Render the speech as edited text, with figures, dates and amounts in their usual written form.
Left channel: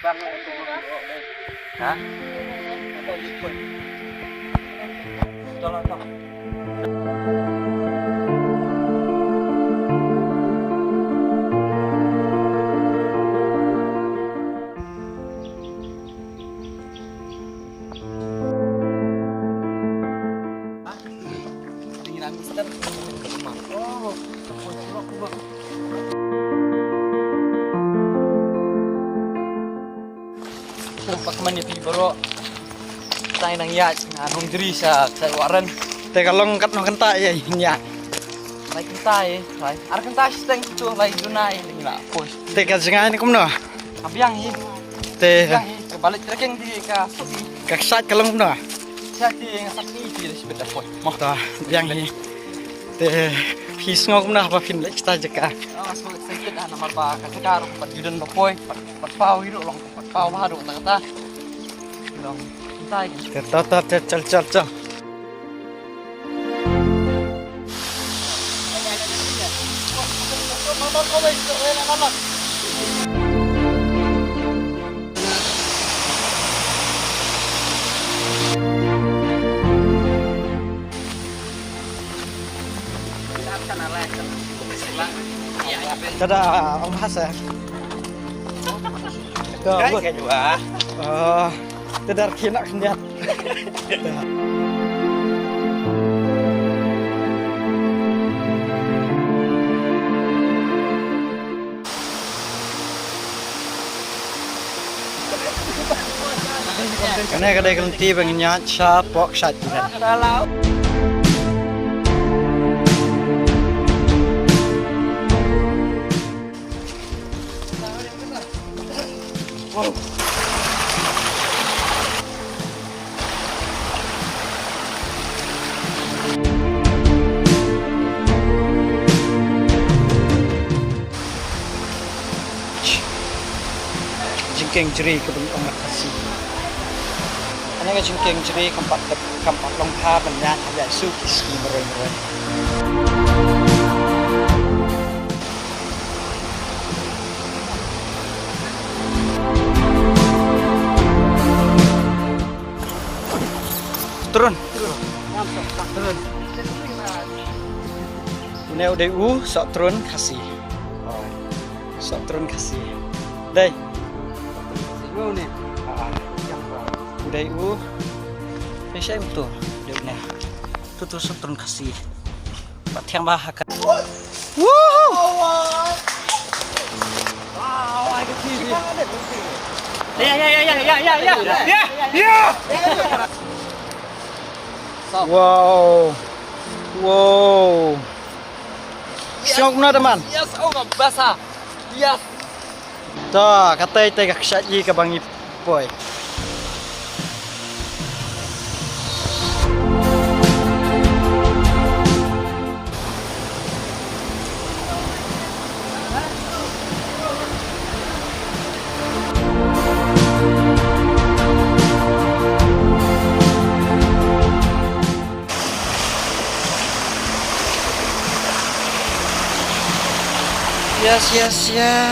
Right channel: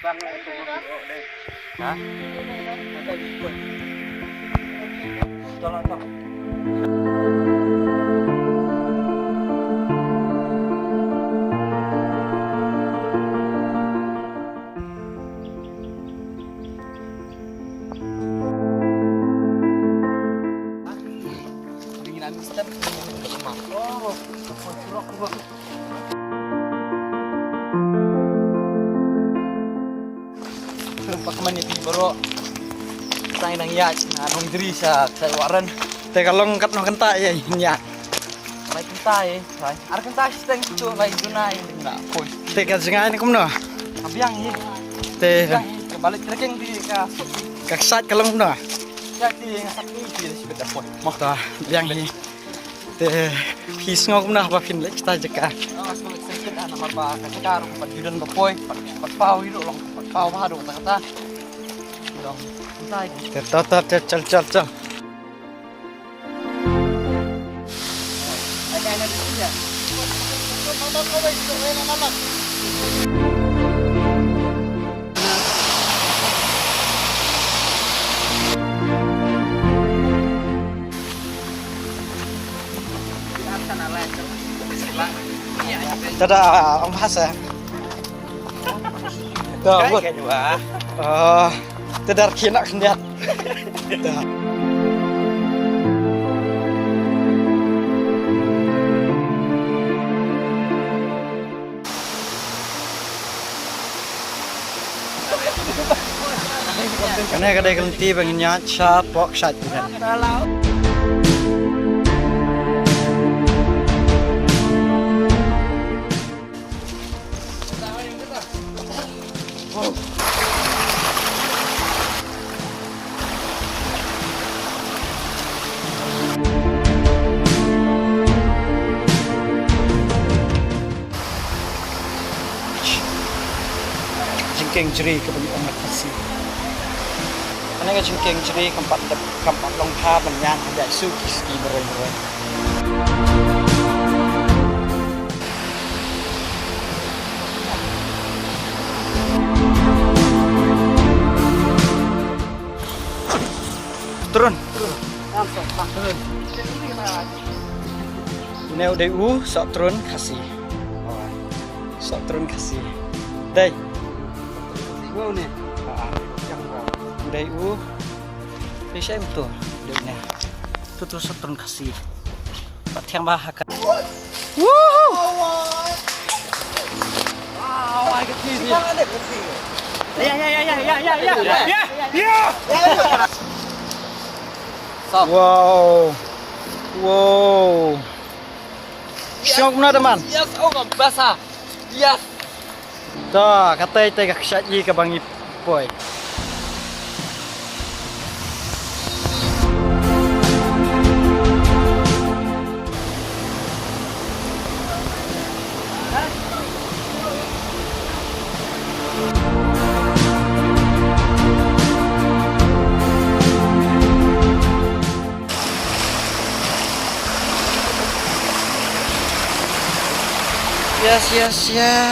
Bang itu. Hah? Ada ikut. Tolong. Dinginan instan. Oh, aku curok bang. Pak mani pi baro tay nang ya na nong diri sa waran te kalong kat no kenta ya nya lai kenta lai ar kenta steng tu lai dunai ding la pos te ka jinga ni kumno abyang hi te balik trekking di ka suki ka sat kalong no sa ti sak ni ti sepeda pos mo ta yang hi te pis ngok kumno pa pin lek sta jeka so excited ana marba ka karo pat judan ba poi pat pau hidup long pat pau ha do kata long kenta te ta chal tada ang hasa Cái cái juga. te dar kina kendiat Karena kadang kelenti pengennya shat pok shat juga. Jengking jeri kebentuk makasih. Karena jengking jeri kampat longkar banyak ada suki ski meroy. Turun. Ini udah sok turun kasih. Sok turun kasih. Đây. Ngô nè. Udah ini saya betul. Udah nè. Itu terus sok turun kasih. Pak tiang bahakan. Wow. Wow, ai cái gì? Ya. Wow. Syok na teman. Yes, oh nggak basah. Yes. Tuh, katanya tegak saji ke Bang Ipoy. Yes.